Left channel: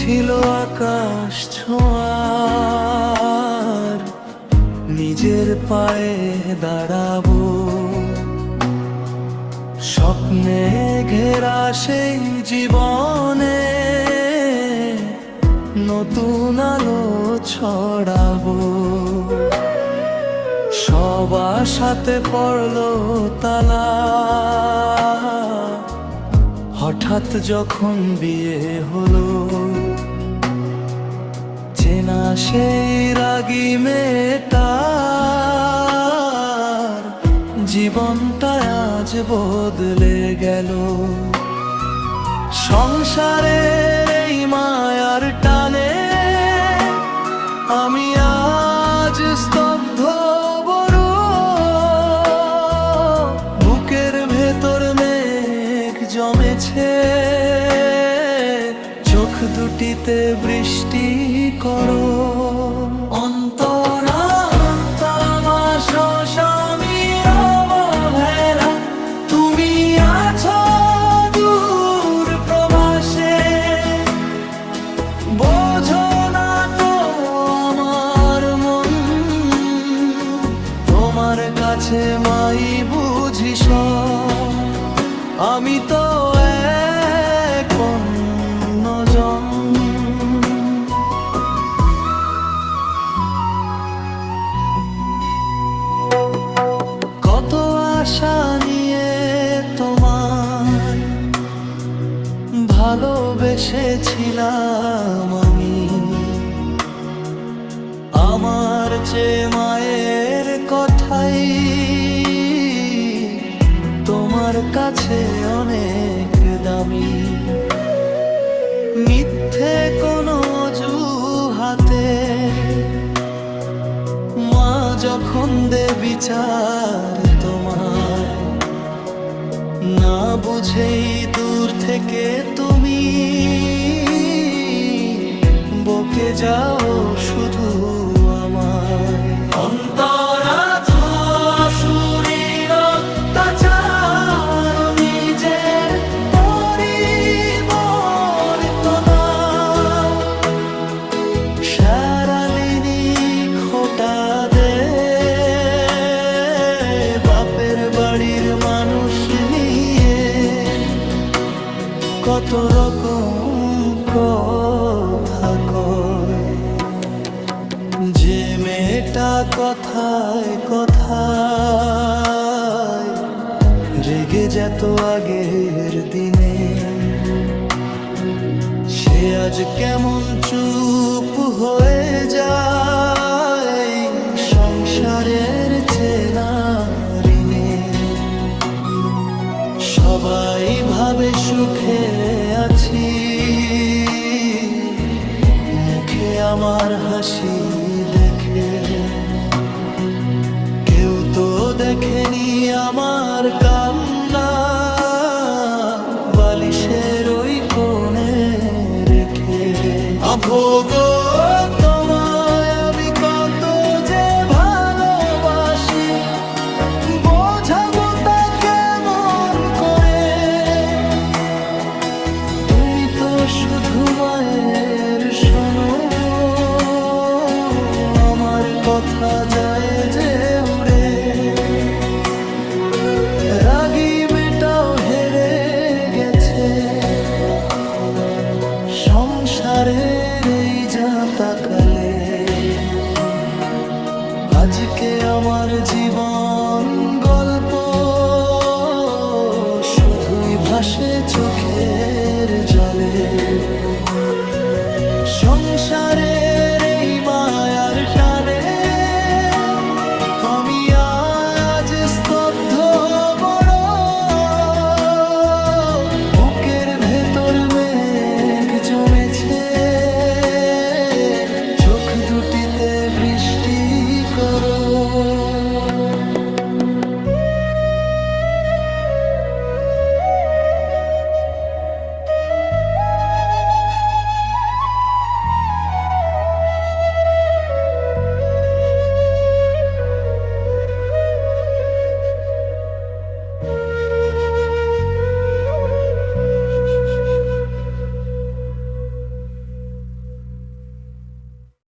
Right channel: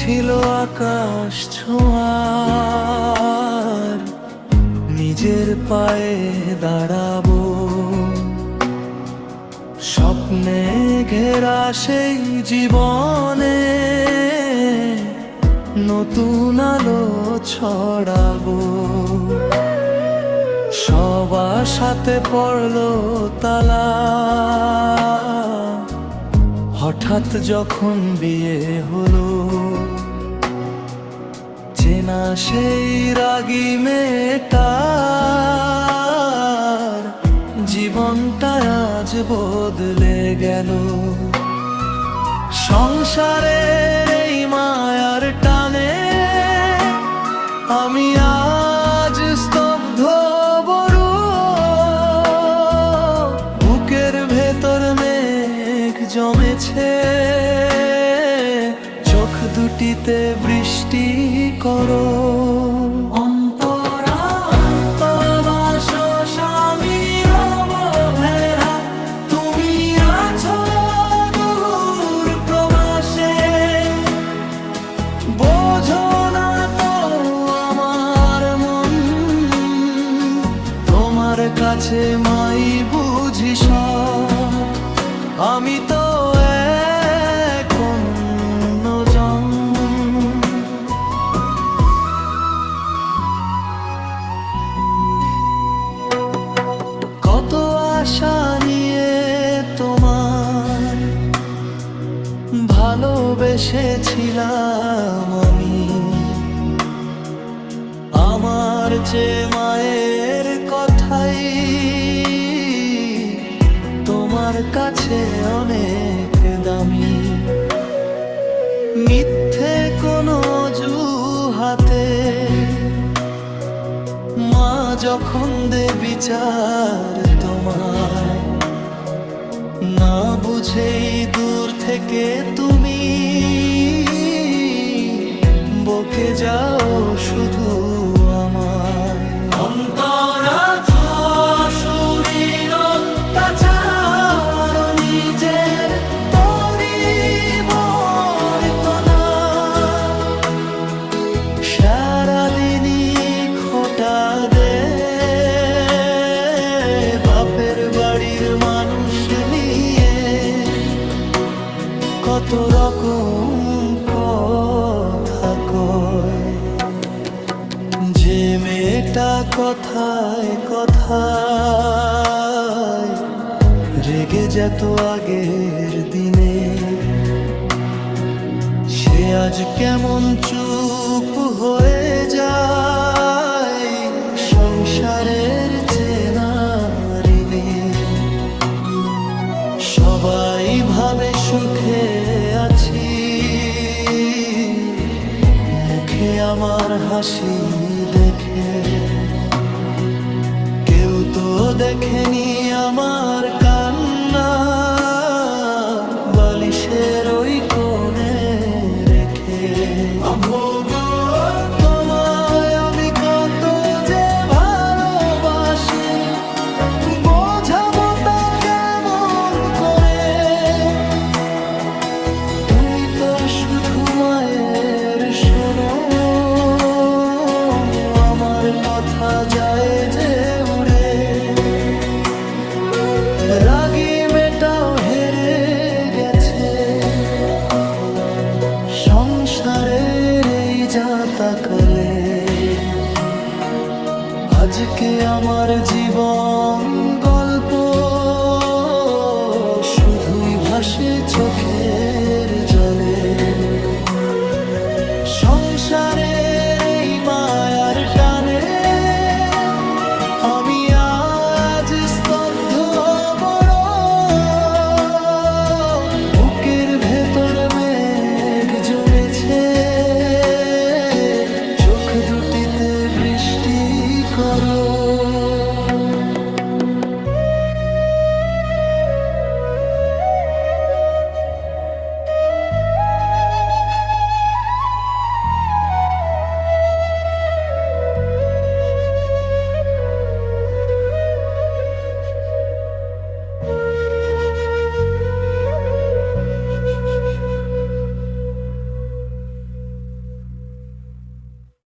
ছিল আকাশ ছোঁয়ার, নিজের পায়ে দাঁড়াবো। স্বপ্নে ঘেরা সেই জীবনে নতুন আলো ছড়াবো। সবার সাথে পড়লো তালা, হঠাৎ যখন বিয়ে হলো। চেনা সেই রাগী মেয়েটার জীবনটা আজ বদলে গেল। সংসারের এই মায়ার টানে আমি আজ স্তব্ধ বড়। বুকের ভেতর মেঘ জমেছে, চোখ দুটিতে বৃষ্টি করো। তুমি আছো দূর প্রবাসে, বোঝো না তো আমার মন। তোমার কাছে মাই বুঝি সব, আমি তো এক অন্যজন। কত আশা নিয়ে তোমায় ভালোবেসেছিলাম আমি। আমার চেয়ে মায়ের কথাই তোমার কাছে অনেক দামি। মিথ্যে কোনো অজুহাতে মা যখন দে বিচার তোমায়, না বুঝেই দূর থেকে তুমি বকে যাও শুধু আমায়। অন্তরা শ্বশুরের অত্যাচার, নিজের পরিবর্তনা, সারাদিনই খোটা দে বাপের বাড়ির মানুষ নিয়ে। কত রকম কথা কয়, যে মেয়েটা কথায় কথায় রেগে যেত আগের দিনে, সে আজ কেমন চুপ হয়ে যায় সংসারের চেনা ঋণে। সবাই ভাবে সুখে আছি, মুখে আমার হাসি দেখে। কেউ তো দেখেনি আমার কান্না, বালিশের ওই কোণে রেখে। আভোগো তোমায় আমি কত যে ভালোবাসি, বোঝাবো তা কেমন করে। তুমি তো শুধু মায়ের শোনো, আমার কথা যায় যে উড়ে। রাগী মেয়েটাও হেরে গেছে সংসারের এই জাঁতাকালে। আজকে আমার জীবন গল্প শুধুই ভাসে চোখের জলে। সংসারের এই মায়ার টানে আমি আজ স্তব্ধ বড়। বুকের ভেতর মেঘ জমেছে, চোখ দুটিতে বৃষ্টি করো।